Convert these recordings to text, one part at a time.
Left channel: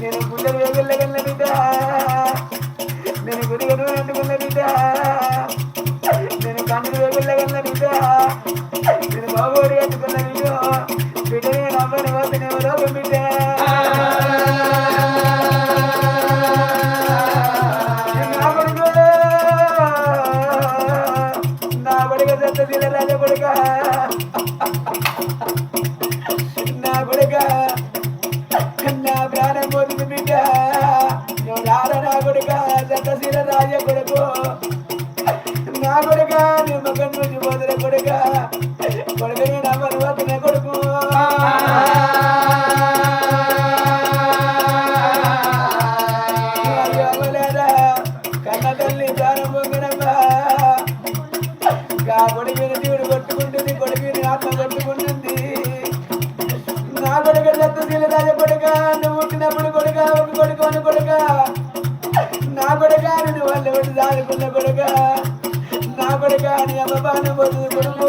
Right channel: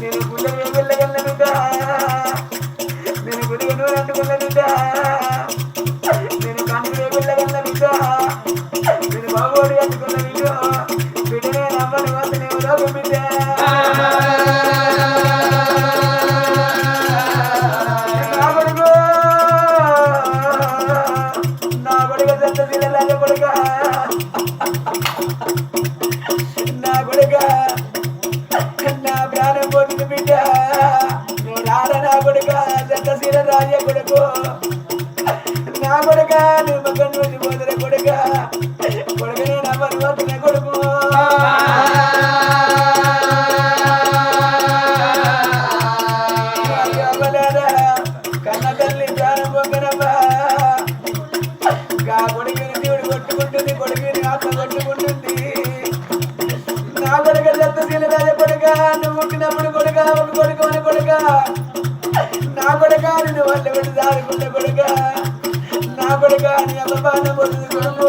నేను గుండెలు వెళ్ళగల బిడ్డ నేను గుడిగను అంటుకున్న బిడ్డ నేను కంటిని వెళ్ళగల బిడ్డ నేను బాగోడి అంటుకున్న బిడ్డ బిడ్డనే నమ్మని వద్ద నేను రోగం బిడ్డ నా కొడుక చెత్త పిల్లల కొడుక నా కొడుక నా ప్రాణం పోతుంది బిడ్డ నువ్వు రారా నా కొడుక దత్తశీల రాజ కొడుకు నా కొడుక నువ్వు మగన్ నుంచి పోతున్న కొడుక కొడుకుని నమ్మని వద్దున కొడుకు కన్న తల్లి ప్రాణం పొంగనమ్మా కొడుకుని దేవుడు కొట్టుకుంటుంది కొడుకుని ఆత్మ కొట్టుకుంటుంది నా కొడుక దత్తశీల రాజ కొడుక నువ్వు పుట్టినప్పుడు కొడుక ఒక కొడుకు అని కొడుక నా కొడుక నువ్వు వాళ్ళ పెట్టి దాడుకున్న కొడుక నా కొడుక నీ అమ్మబాను పొందుతుంది కొడుకు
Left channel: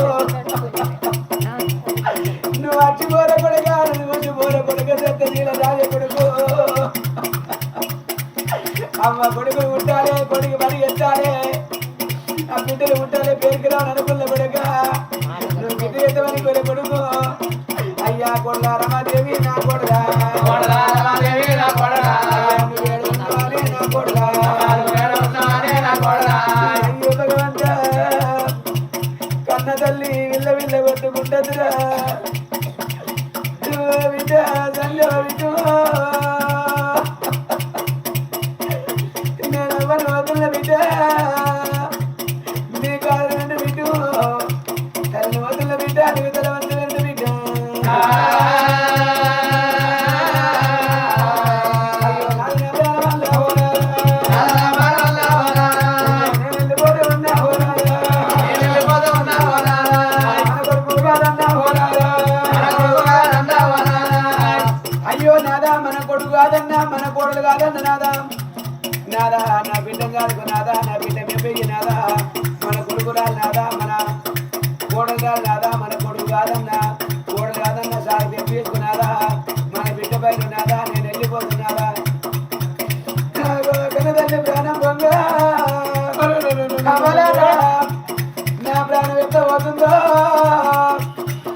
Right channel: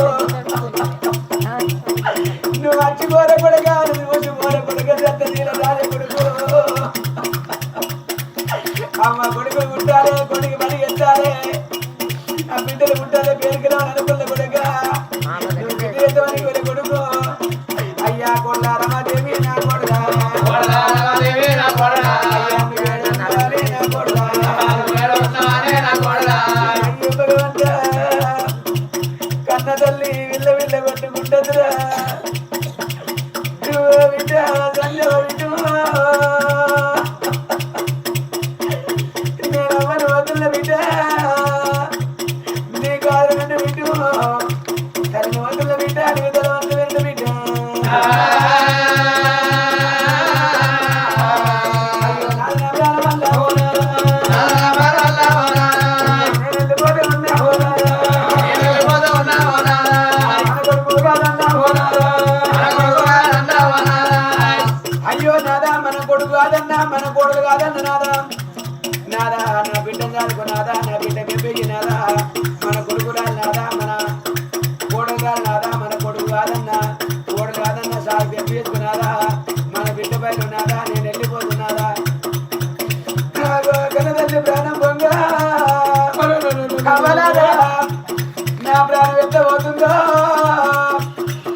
నువ్వు అచ్చిపోర కొడుక నువ్వు వచ్చిపోర కొడుక దత్తశీల రాజ కొడుకు అమ్మ కొడుకు ఉంటారే కొడుకు పరిగెత్తారే ఆ బిడ్డలు ఉంటారే పేరుకి రాని అనుకున్న కొడుక నువ్వు బిడ్డని కొడుకు అయ్యా కొడుక రమాదేవి నా కొడుక కన్న తల్లి విల్ల విల్ల కొట్టుకుంటుందిరా బిడ్డ తల్లి పడుతూ నేను అమ్మను వదుల బిడ్డ నీ కాదు వెంట బిడ్డు తల్లి వదుల బిడ్డ నువ్వు తల వంద వెంట బిడ్డ అయ్యో నాదా మన కొడుకు కాదన్నా మన కోడలు కాదన్న నాదా నాదా నా బిడ్డ కాదుకు నాదా నా బిడ్డ పెంపేకి నాదా మన కొడుకు రాదు నాదా మన కోడలు రాదు నాదా మన కొడుకు కాదన్నా కోడలు కాదన్నా సాగు పెంపేసుకున్నాదా మన బిడ్డ బయట నాదా నేను వెళ్ళిపోతున్నాదా కనదల్లి ప్రాణం పొంగ నా ప్రాణం ఎంత పోతుందో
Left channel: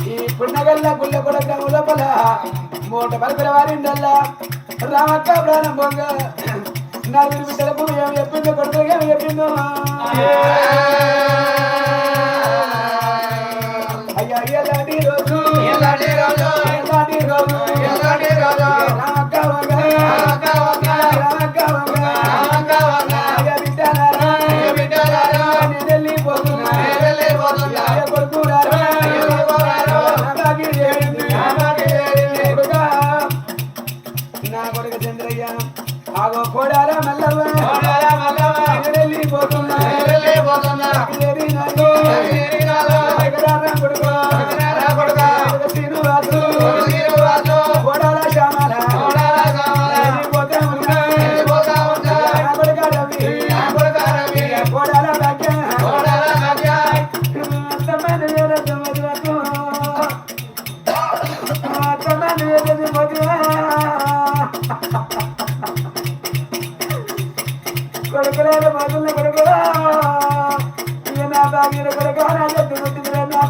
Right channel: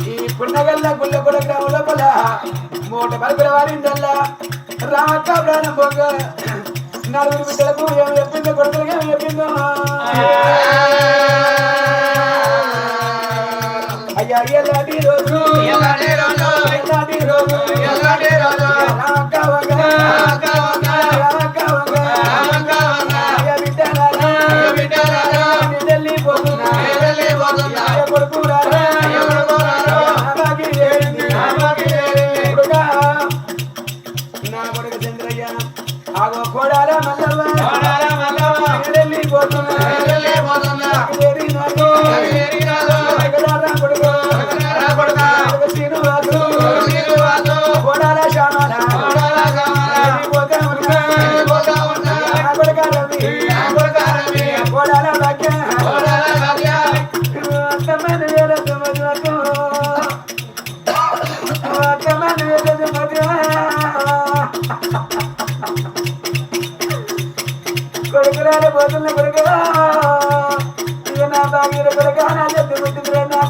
ఈ పున్నగల్ల గుళ్ళ కూడా గ్రామం లోపల మూట పలుకుల వారిందల్లా రామక్క ప్రాణం పొంగ నలుగురు బిడ్డలకు ఏమి చెప్పిందో కొడుకులకు ఏమి చెప్పిందో అయ్యా ఎలాంటి రోజు ఎలాంటి రోజు రామక్క వంగ రామక్క వంగ అయ్యా బిడ్డలారా నేను వెళ్ళిపోతున్నా కొడుకు రారా నా కొడుకు చంద్రయ్య ఆగో కోడాల మల్లవ్వ వెళ్ళిపోతున్నా కొడుకు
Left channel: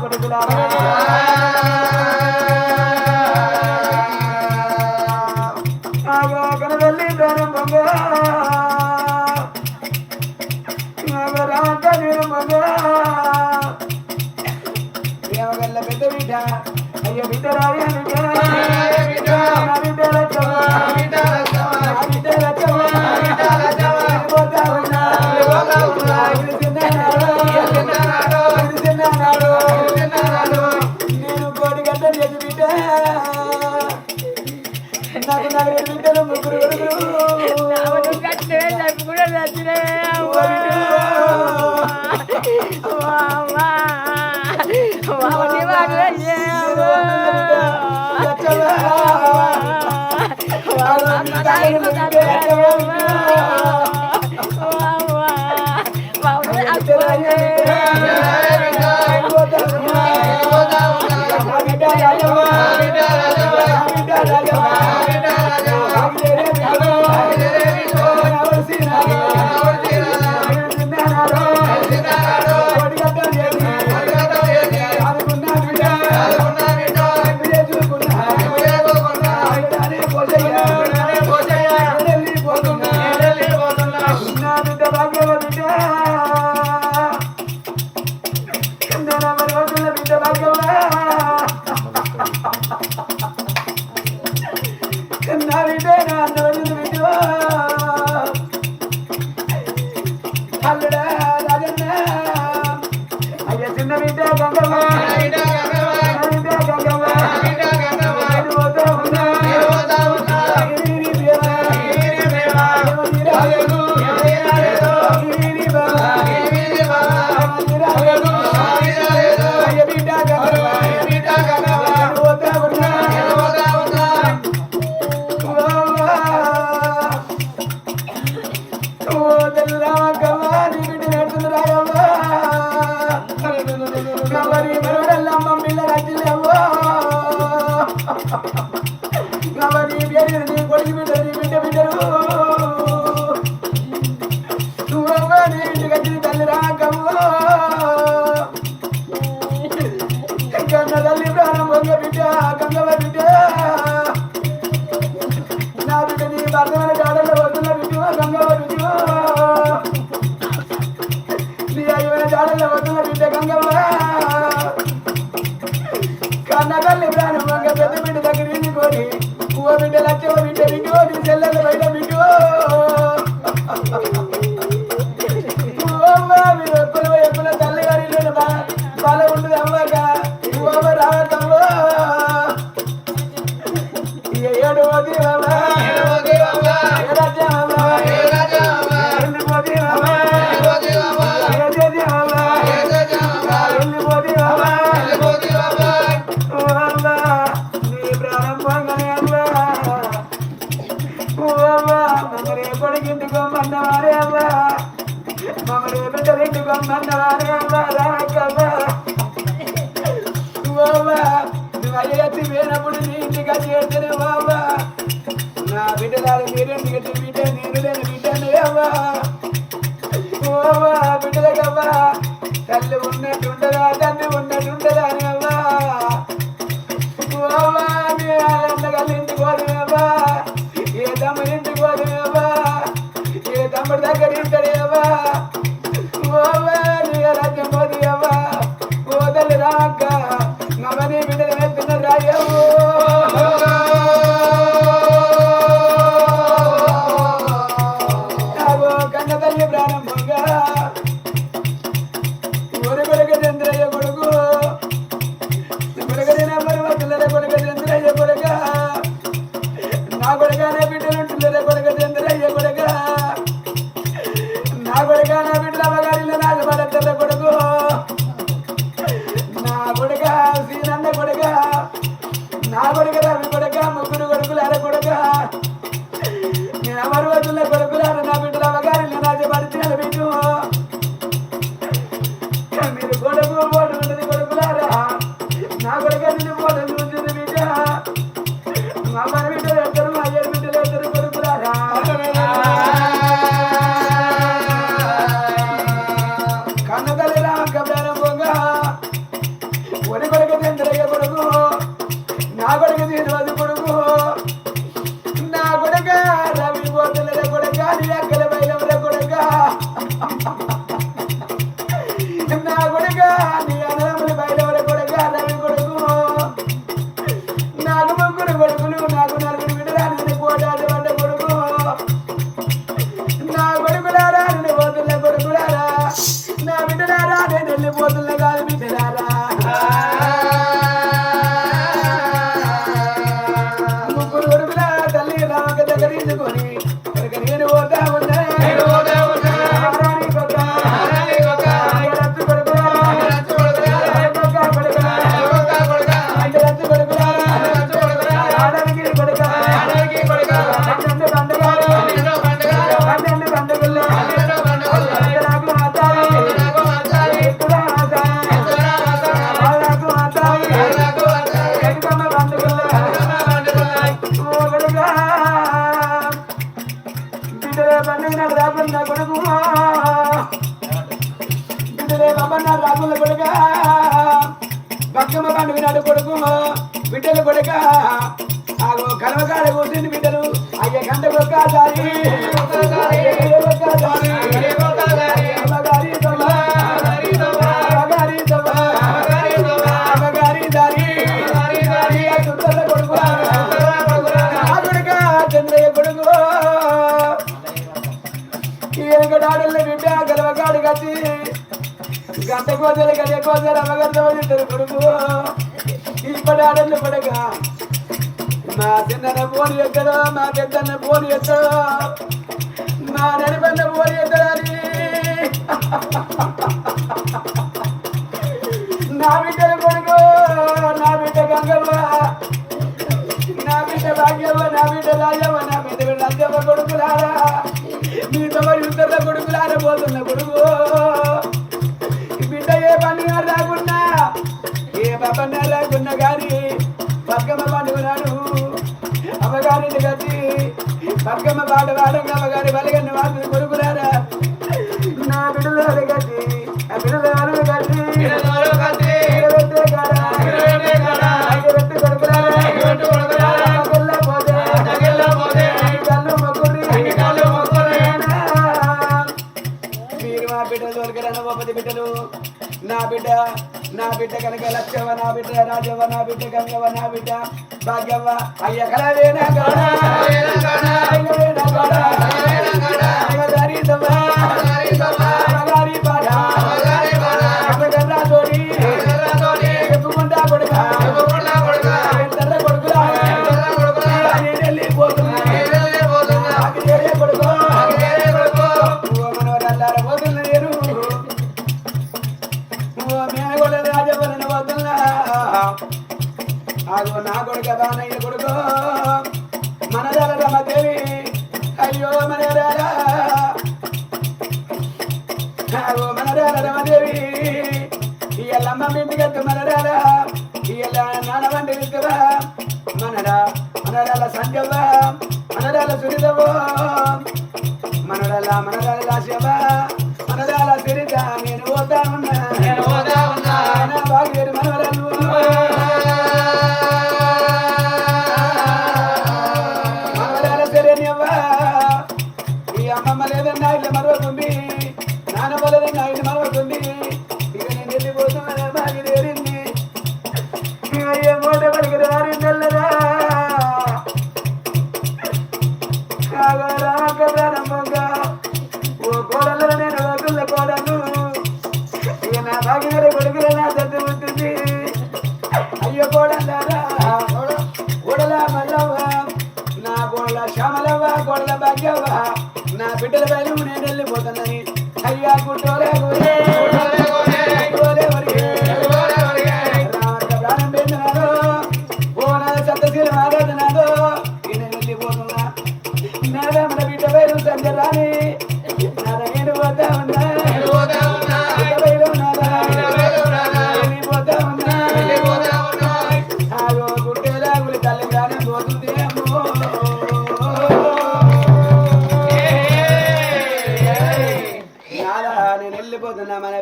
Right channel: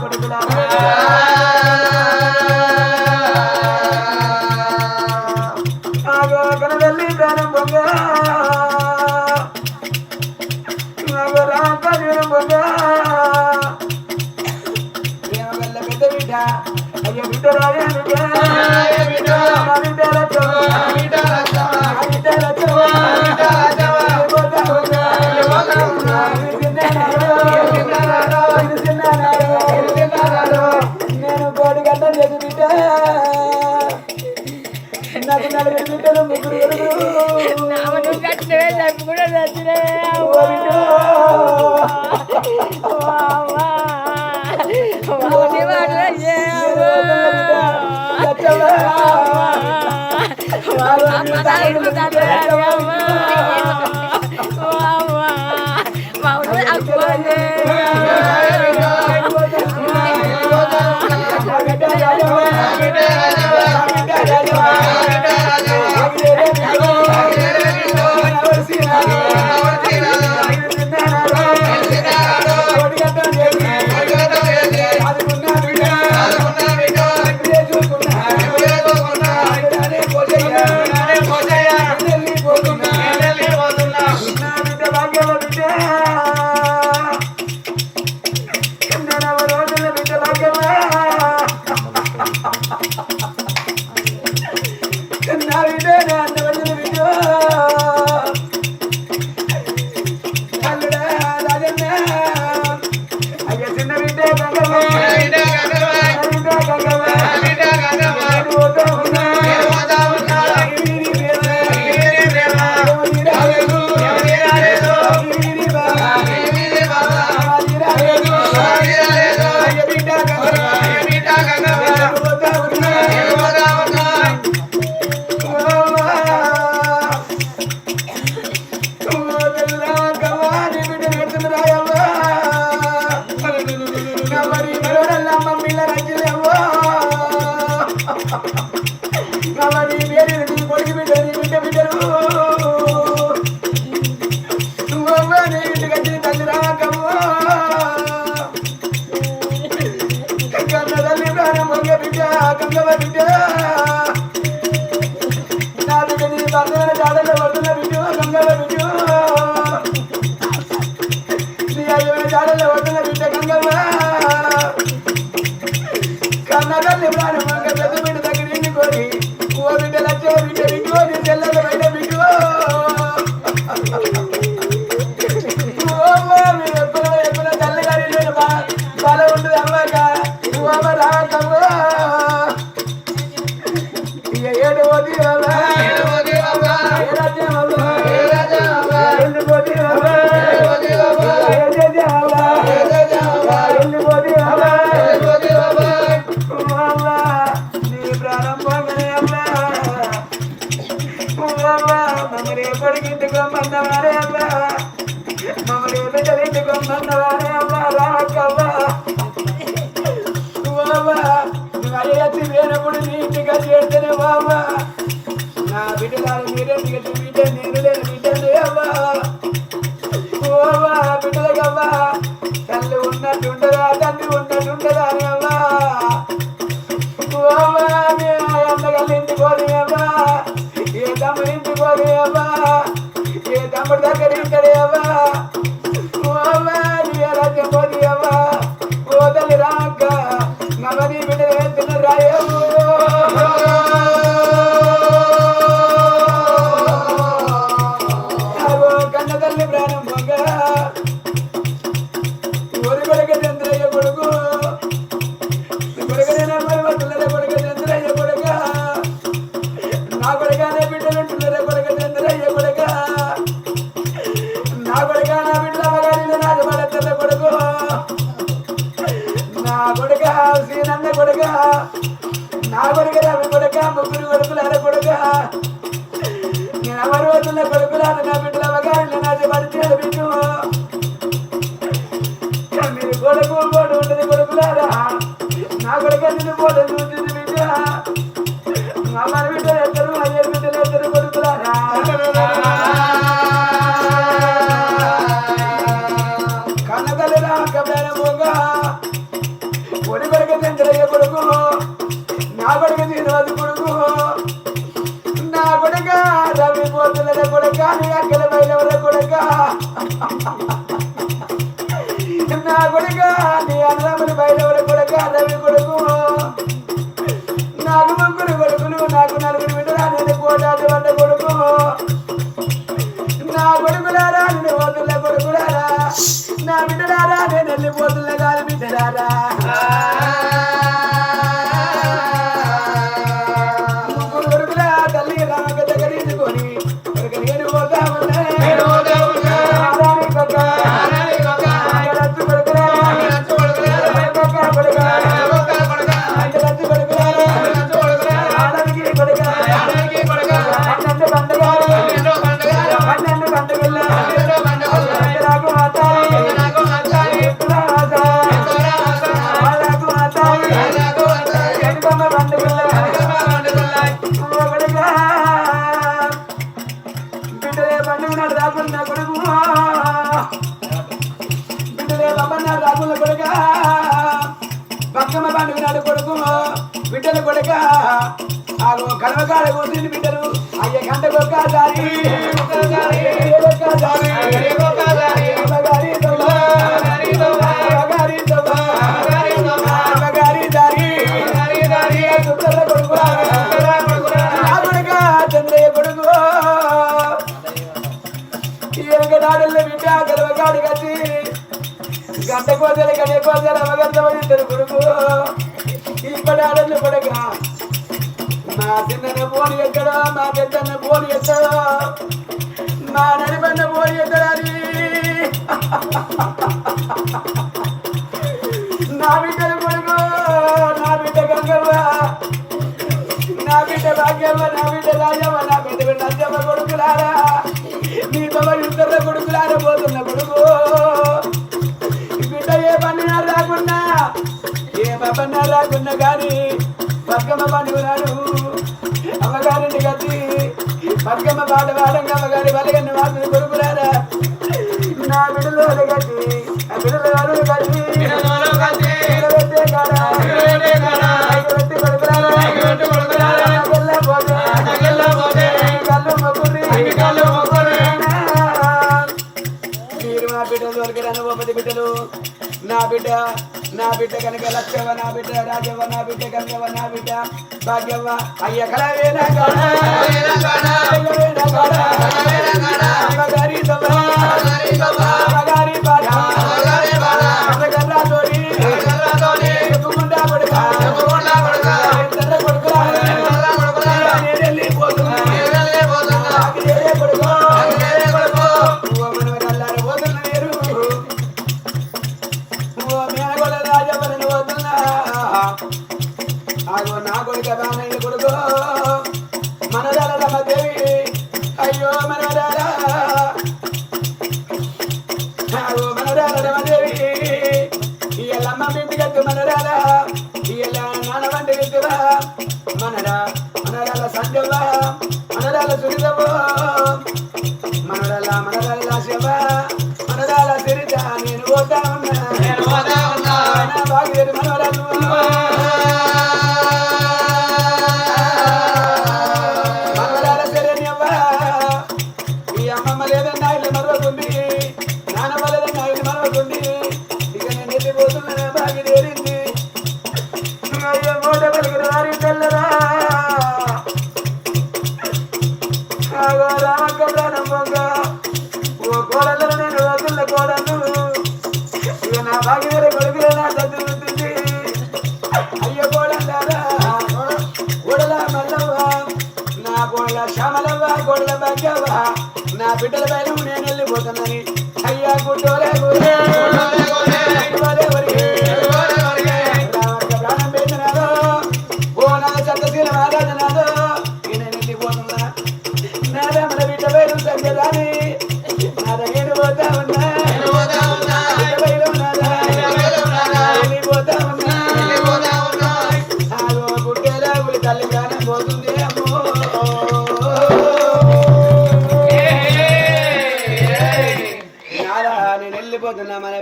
కొడుకులారా ఆగో కనవల్లి ప్రాణం పొంగ ఆగో రాక నీరం పొంగ ప్రేమగల్ల పెద్ద బిడ్డ అయ్యో బిడ్డ రాయ బిడ్డ నా బిడ్డ లచ్చవ్వ బిడ్డ లచ్చవ్వ నేను కోడి గంట చేసి బిడ్డ నాకు నలుగురు బిడ్డలు ముగ్గురు కూడా తల్లి ఉన్నట్టుండదా తండ్రి ఉన్నట్టుండదా అని అవ్వా ఎంతగల్లింటి పోదేవా ఏ తమ్ముడింటి పోదేవా ఏ తమ్ముడి దగ్గర ఇంటదేవా నీ రాజ్యం పోదేవా ఓ తల్లి రామక్క నవని బిడ్డ వెళ్తున్న రాయవు నా బిడ్డలారా నేను వెళ్ళిపోతున్నా కాదు బిడ్డలారా ముగ్గురు కొడుకుల తల్లి రామక దగ్గర తీసుకొని నేను పోతా ఉన్నా బతుకమ్మ పండుగ నాడు కొడుకు బిడ్డలు కొడుక ఆగో కలవకాడ కూర్చుంది బిడ్డలు అయ్యే గంటకు ఒక్కసారి చంద్రయ్య కొడుకు ఈయనకడాడల్లో బిడ్డ గలవకాడు కట్టి గంట కోసలు గడియ కోసలు అమ్మగంటలు కొడుకు ఇప్పటి ఆడళ్ళు కొడక మా చిన్న పోని ఎక్కడో మా పెద్దన్న పోని ఎక్కడో మా నడిపన్న పోని ఎక్కడని నా బిడ్డలు కొడుకు నా బిడ్డ గంగవ్వ నా బిడ్డ భాగ్యవ్వ నా బిడ్డ రాజవ్వ నా బిడ్డ నచ్చవ్వ కొడుకులారా నీ తమ యుద్ధంలో కొడుకులారా పోతున్న కొడుకు బిడ్డ ఏ పండుగ రాకున్నా ఏ పప్పన్న రాకున్నా కానీ బతుకమ్మ పండుగ నాడు అమ్మగారింటి కట్టి బతుకమ్మ పాట పాడంగా అమ్మగారి బలగన్ని వాడుతున్న కొడుకులారా నా బిడ్డలో కట్టి ఆ బిడ్డలో కట్టి బిడ్డలు నా బిడ్డ కనుక లక్ష్యవ నా బిడ్డ రాజవ్వ నా బిడ్డ గంగవ్వ నా బిడ్డ భాగ్యవ్వ అయ్య కలవేనా చెప్పుకుంటా కొడుక కొడుకులా నేను వెళ్ళిపోతున్నా నా కొడుక బానయ్య కొడుకు మనదాల రమదేవి అయ్యో మనవరాల మనరాల రమదేవి ఇయ్యల్లమ్మ ఇంటికట్టు మనరాల ఇయ్యల్ల నాన్న వంటి విద్దురా మనరాల సంజవ్వ మనరాల సురిదవ్వ మనరాల లాస్యవ్వ మనరాల సిరిత నేను పోతా ఉన్నా బాగుదేరు మనవరాలు లేదన్నా ఇల్లు మరవకుంది నానమ్మ లేదన్నా ఇల్లు మరవకుంది ఇక నేను వెళ్ళిపోతున్నా బాగి తేరింది అయ్యో మూట పలికిన వారి తెల్లరా రామక్క ప్రారంభంగా ఓ కోడల్లో నేను వదుల కోడలు ఇక నా బాగి వేరే కొడుకులో నా చదువు ఉంటుంది అయ్యో కోడలారా కోడల మల్లవ్వ నా కోడల శ్యామలవ్వ కోడల భాగ్యవ్వ నా బిడ్డల పైన నేను వెళ్ళిపోతున్నాని అయ్యా గుడ్డోరే రామక్క ప్రాణం పెంచినాడు ఓ నా సత్తశీల మహారాజనాడు నేను వెళ్ళిపోతున్నా నాదా మన బిడ్డ పైన సంజరాని నాద నేను పోతా ఉన్నా వెళ్ళిపోతా ఉన్నా గుడ్డేలా గుడి తల్లి ప్రాణం పోతుంది అమ్మో నేను వెళ్ళిపోతున్నా మన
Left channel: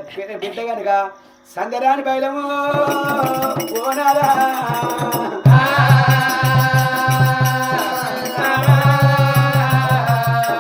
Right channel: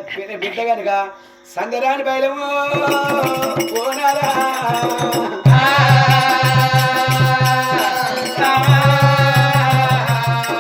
బిడ్డ కనుక సంగరాని బయలము ఓనారా